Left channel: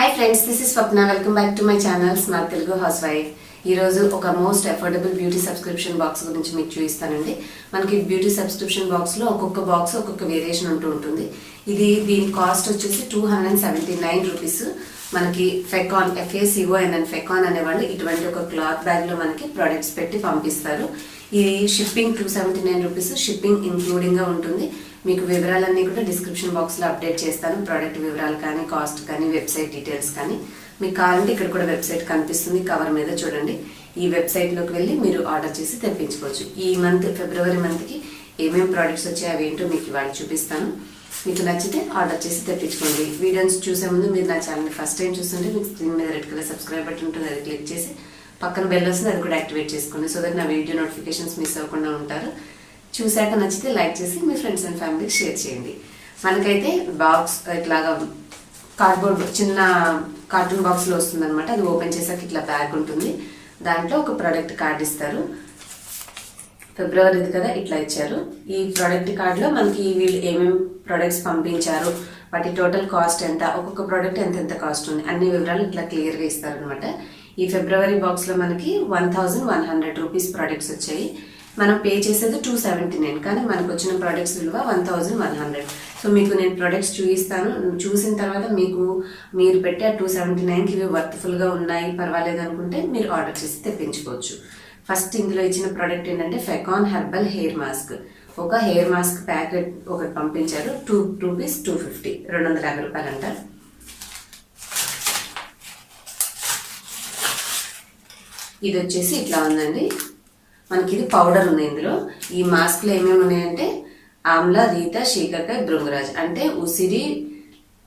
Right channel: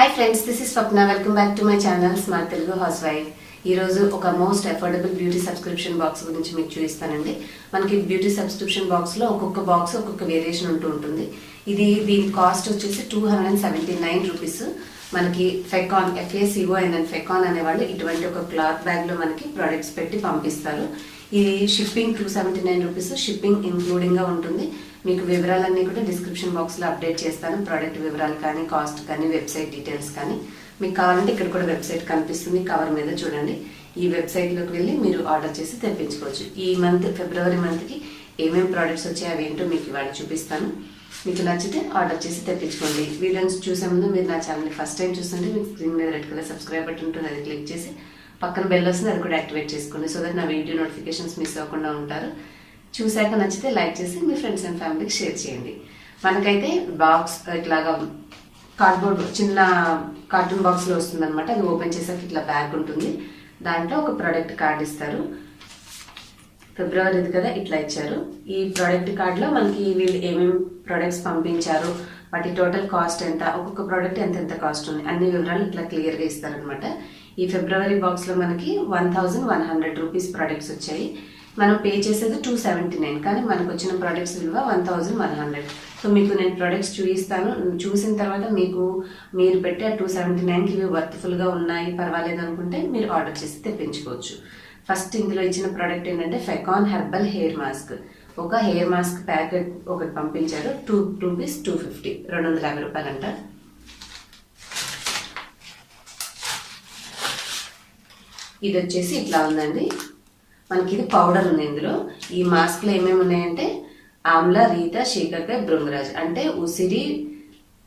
Hi friends, this is Swapna. Welcome back to my channel smart Telugu house wife. ఈరోజు ఒక most affordable beauty subscription box గురించి మీకు చూపిస్తానండి. మనకి బ్యూటీ సబ్స్క్రిప్షన్ బాక్స్లో ఒక్కొక్క బాక్స్ ఒక్కొక్క వేరియేషన్ ఉంటుంది. దీని కాస్ట్ వచ్చేసి 279 రూపీస్. మనకి ఫెకాన్ ఫెకాన్ అనేవాళ్ళు ఇటువంటి ఒక క్లాత్ బ్యాగ్లో మనకి ప్రొడక్ట్స్ పెట్టి పంపిస్తారు. ఇది షిప్పింగ్ 279 రూపీస్, షిప్పింగ్ ఇంక్లూడింగ్గా ఉంటుంది. మీకు వివరాలన్నీ కూడా డిస్క్రిప్షన్ బాక్స్లో అప్డేట్ చేస్తాను. ప్రోడక్ట్ వివరాలు కానీ, కాస్ట్ కానీ, వెబ్సైట్ డీటెయిల్స్ కానీ. మీకు కావాలంటే ఇక్కడ కూడా వెబ్సైట్ కనిపిస్తుంది కవర్ మీద, చూడండి. ఈ వెబ్సైట్లోకి వెళ్ళి మీరు ఆర్డర్ చేసి తెప్పించుకోవచ్చు. ఈ మంత్ ఫిబ్రవరి మంత్కి ఏమేమి ప్రోడక్ట్స్ వచ్చాయో అవేంటో మీకు ఇవాళ చూపిస్తాను. మీకు నచ్చితే ఆర్డర్ చేసి తెప్పించుకోండి. వీడియోస్ చూసే ముందు మీరు నా ఛానల్ని ఫస్ట్ టైం చూస్తుంటే మీకు స్క్రీన్ మీద రెడ్ కలర్ సబ్స్క్రైబ్ బటన్ ఉంటుంది, అది క్లిక్ చేసి పక్కన బెల్ వస్తుంది, అది కూడా యాక్టివేట్ చేసుకోండి. సో దట్ నా వీడియో నోటిఫికేషన్స్ మిస్ అవ్వకుండా ఉంటారు. చూశాక నచ్చితే లైక్ చేసి మీ ఫ్రెండ్స్ అండ్ ఫ్యామిలీకి షేర్ చేయండి. మనకైతే బాక్స్ ఇట్లాగా కార్డ్బోర్డ్ చిన్న కార్టూన్ బాక్స్లో వస్తుంది అనమాట. అది ఓపెన్ చేసాక ఇట్లా బ్యాగ్ ఉంటుంది. దాంట్లో ఒక ప్రోడక్ట్ కార్డ్ ఇస్తారు. ఫిబ్రవరిది కదా, ఇట్లా ఇచ్చారు. ఈ ప్రోడక్ట్ కార్డులో మనకి వీళ్ళు ఏమేమి ప్రోడక్ట్స్ పంపించారు, వాటి టోటల్ కాస్ట్ ఎంత, ఒక్కొక్క ప్రోడక్ట్ ఎంత కాస్ట్ ఉంది, అన్ని వివరాలు ఇట్లా క్లియర్గా ఇస్తారనమాట. ఈ ఫిబ్రవరి బాక్స్లో మనకి 1100 రూపీస్ ప్రోడక్ట్స్ వచ్చాయి. మనం పే చేసేది 279, కానీ మనకు వచ్చిన ప్రోడక్ట్స్ విలువ 1100. సో మీకు నేను ప్రోడక్ట్స్ చూపిస్తాను. చూసిన తర్వాత మీరు పెట్టే 279కి ఇవి వర్త్ఫుల్గా ఉన్నాయి, పర్వాలేదు అనుకుంటే మీరు ఆర్డర్ చేసి తెప్పించుకోవచ్చు. ఫస్ట్ ఇందులో ఇచ్చిన ప్రోడక్ట్ ఏంటంటే ఫెకాన్ హెర్బల్ హెయిర్ మాస్క్. ఒక హెయిర్ మాస్క్ ప్యాకెట్ ఒకటి పంపించారు. 250 రూపాయలు అంట. ఇది వచ్చేసి ఇట్లా ఉందండి. మనకి ఇది పౌడర్ ఉంది ఇందులో. ఈ మాస్క్లో ఏమేమి ఉన్నాయంటే ఆమ్లా, రీత, శీకాకాయ, భృంగరాజ్ అంటే ఉసిరి,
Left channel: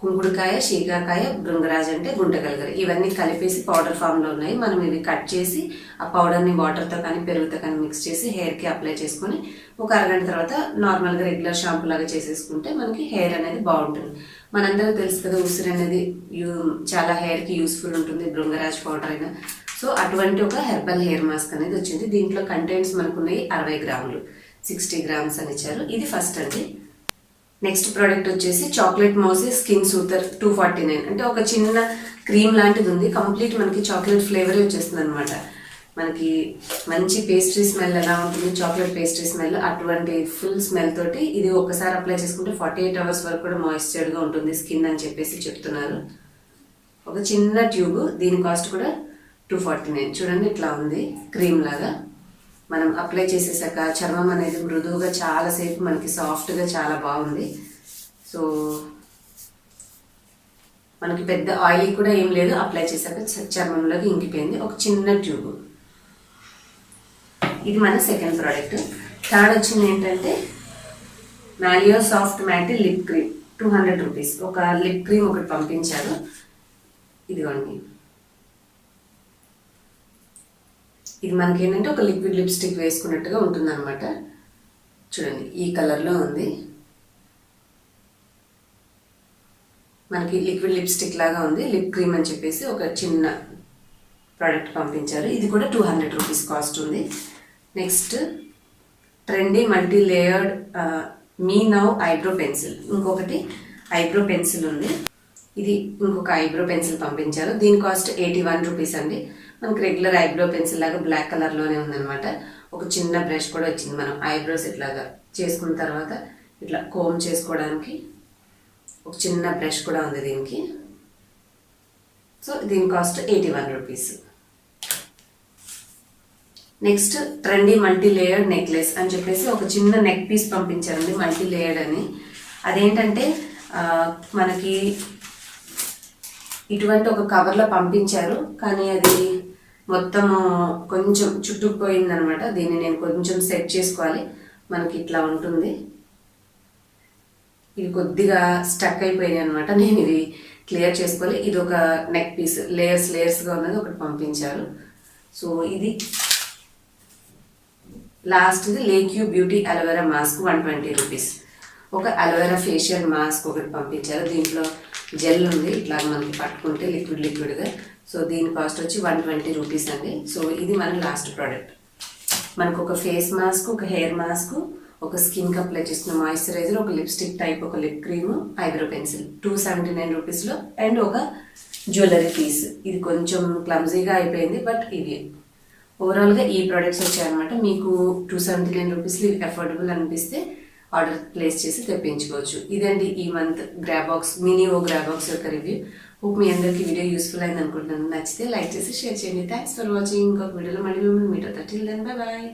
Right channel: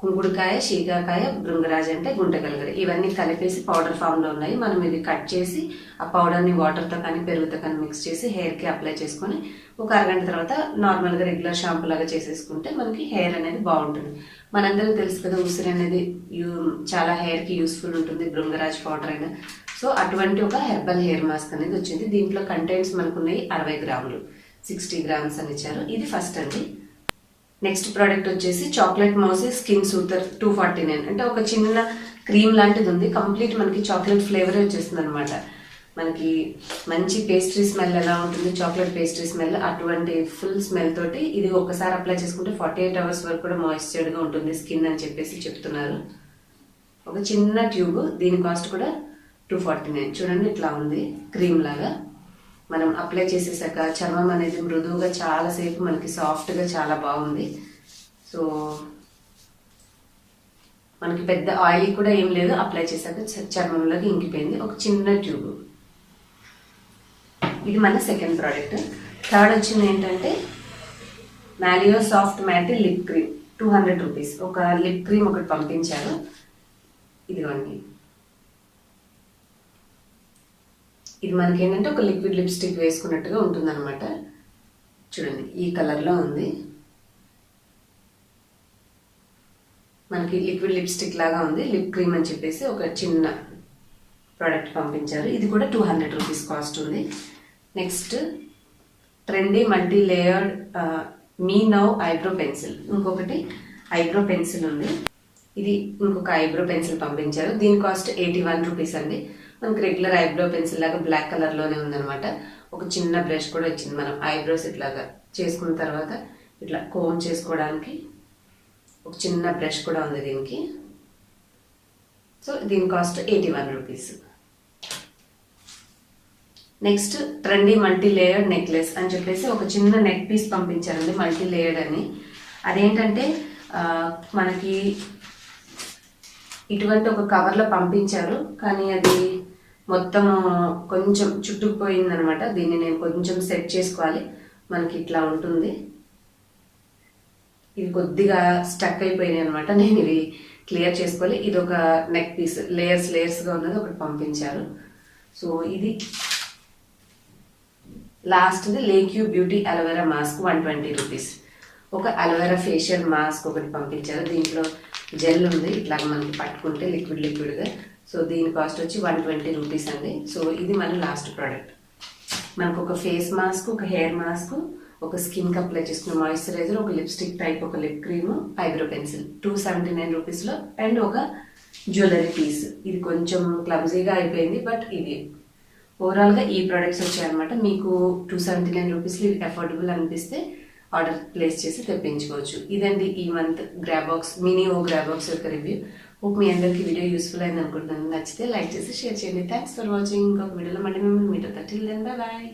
కుంకుడుకాయ, శీకాకాయ, భృంగరాజ్ అంటే గుంటగలగర, ఇవన్నీ కలిపేసి పౌడర్ ఫామ్లో ఉన్నాయి. మనం ఇవి కట్ చేసి ఆ పౌడర్ని వాటర్తో కానీ పెరుగుతో కానీ మిక్స్ చేసి హెయిర్కి అప్లై చేసుకొని ఒక అరగంట తర్వాత నార్మల్గా రెగ్యులర్ షాంపూ లాగా చేసేసుకుంటే మనకి హెయిర్ అనేది బాగుంటుంది. మనందరూ తెలుసు కదా, ఉసిరి అనేది చాలా హెయిర్కి యూస్ఫుల్ ఉంటుంది, భృంగరాజ్ పౌడర్ అయినా. సో అటువంటి ఒక హెర్బల్ హెయిర్ మాస్క్ అనేది వచ్చింది. దీంట్లో కంటెంట్స్ మనకు ఉన్నాయి 60 గ్రాములు, 60 గ్రామ్స్ అని ఇచ్చారు. ఇది ఫస్ట్ అండి. నెక్స్ట్ ప్రోడక్ట్ వచ్చేసి చాక్లెట్ మౌసీ స్కిన్ సూతర్ 249, అంటే ఒక చిన్న క్రీమ్ లాంటిది ఉంది. కంప్లీట్ మనకి చాక్లెట్ ఫ్లేవరే వచ్చేస్తుంది అనమాట. మనకి మంచి పేస్ట్రీ స్మెల్ ఎలా ఉంటుంది, చాక్లెట్ పేస్ట్రీ స్మెల్, అటువంటి ఫుల్ స్మెల్ తోటి ఇది ఒక్కసారి అప్లై చేసుకుంటే 48 అవర్స్ వరకు కూడా మాయిశ్చర్డ్గా ఉంటుంది స్కిన్ అని చెప్పేసి చెప్తున్నారు. ఒక చిన్న ట్యూబ్, దీని కాస్ట్ కూడా 249. చూడండి ఇట్లా ఉంది, క్రీమ్ లాగా. మనం అప్లై చేసేసాక చర్మం అనేది మృదువుగా చాలాసేపు మనకి సాఫ్ట్గా చాలా బాగుంది. సో మనకి పెద్ద ఆయిల్ కూడా ఏం లేదు, అప్లై చేశాక చర్మంలోకి ఇంకిపోయింది. ఒక చిన్న ట్యూబ్. ఇది మన సెకండ్ ప్రోడక్ట్. థర్డ్ వచ్చింది ఏంటంటే మాలియో సాఫ్ట్ మ్యాటి లిప్ క్రీమ్ 200 రూపీస్. ఒక లిప్ క్రీమ్ ఒకటి పంపించారు. ఇదిగోండి, ఇది మనకి ఏంటంటే ఒక లిక్విడ్ లిప్స్టిక్ వేసుకున్నట్టుగా ఉంటుంది అనమాట. చూడండి ఈ కలర్లో ఉంది. మనకి లిక్విడ్ లిప్స్టిక్ లాగా ఉంది. లిప్ క్రీమ్ అని చెప్పేసి ఒక చిన్న ప్రోడక్ట్ పంపించారు. ఇది కూడా 200 రూపీస్ కాస్ట్ ఉంది. Next trendy multi layered me now eyebrow pencil. ఇంకొకటి ఐబ్రో పెన్సిల్ ఉంది. ఇది ఇంకొక ఐబ్రో పెన్సిల్ పంపించారు. దీని కాస్ట్ 81 రూపీస్ అండి. మనకి రెగ్యులర్ ఐబ్రో పెన్సిల్ లాగా బ్లాక్ కలర్లోనే ఉందనమాట. ఒక చిన్న బ్రష్ కూడా వచ్చింది. మనం ఐబ్రోస్ ఇట్లాగా చేసుకున్న తర్వాత ఇట్లా కోమ్ చేసుకోవడానికి ఒక చిన్న బ్రష్ కూడా ఉంది దీనికి. సో దీని cost 81 rupees. Next trendy multi layered necklace అని చెప్పేసి ఒక చిన్న నెక్ పీస్ పంపించారండి, మల్టీ లేయర్డ్ అని. అదేంటంటే మనకి ఇటువంటి ఒక కవర్లో పంపించారు, కానీ అది మొత్తం కొంచెం చుట్టుకుపోయింది అనమాట. దీన్ని నేను కొంచెం సెట్ చేసుకోవాలి. మనకి ఇట్లా ఉంటుంది. ఇవి కొద్దిగా స్టక్ అయిపోయినాయి అనమాట. నేను ఇది క్లియర్ చేసుకోవాలి. ఇది ఒక నెక్ పీస్ లేయర్స్గా ఉన్నది ఒకటి పంపించారు. సో ఇది లాస్ట్ది లేక్యూ బ్యూటీ అలోవెరా మాస్క్ 120 రూపీస్. ఒక అలోవెరా ఫేషియల్ మాస్క్ ఒకటి పంపించారు. దీంట్లో జెల్ ఉంది, ఇట్లా మనకి పట్టుకుంటే లిక్విడ్గా. సో దీని కాస్ట్ వచ్చి 120 రూపీస్ అండి. సో ఇది మన లాస్ట్ ప్రోడక్ట్. మనకు ఒక ఫేస్ మాస్క్, ఒక హెయిర్ మాస్క్, ఒక స్కిన్కి అప్లై చేసుకున్న మాయిశ్చరైజర్, ఒక లిప్స్టిక్ టైప్, ఒక లిప్ క్రీమ్, ఐబ్రో పెన్సిల్ 279 రూపీస్లో, అండ్ ఒక జ్యువెలరీ పీస్. ఇది కొంచెం క్లమ్జీగా అయిపోయింది, బట్ ఇది ఓవరాల్గా ఈ ప్రోడక్ట్స్ వచ్చాయన్నమాట. మీకు 279 రూపీస్లో అఫోర్డబుల్ అనిపిస్తే ఆర్డర్ ప్లేస్ చేసి తెప్పించుకోవచ్చు. ఇదండి ఈ మంత్ గ్రాబాక్స్ మినీ గ్రాబాక్స్ యొక్క రివ్యూ. హోప్ మీ అందరికీ వీడియో యూస్ఫుల్ అయింది అనుకుంటున్నాను. నచ్చితే లైక్ చేసి షేర్ చేయండి. Thanks for watching. ఇంకొక వీడియోలో మళ్ళీ మిమ్మల్ని మీట్ అవుతా. Till then bye bye.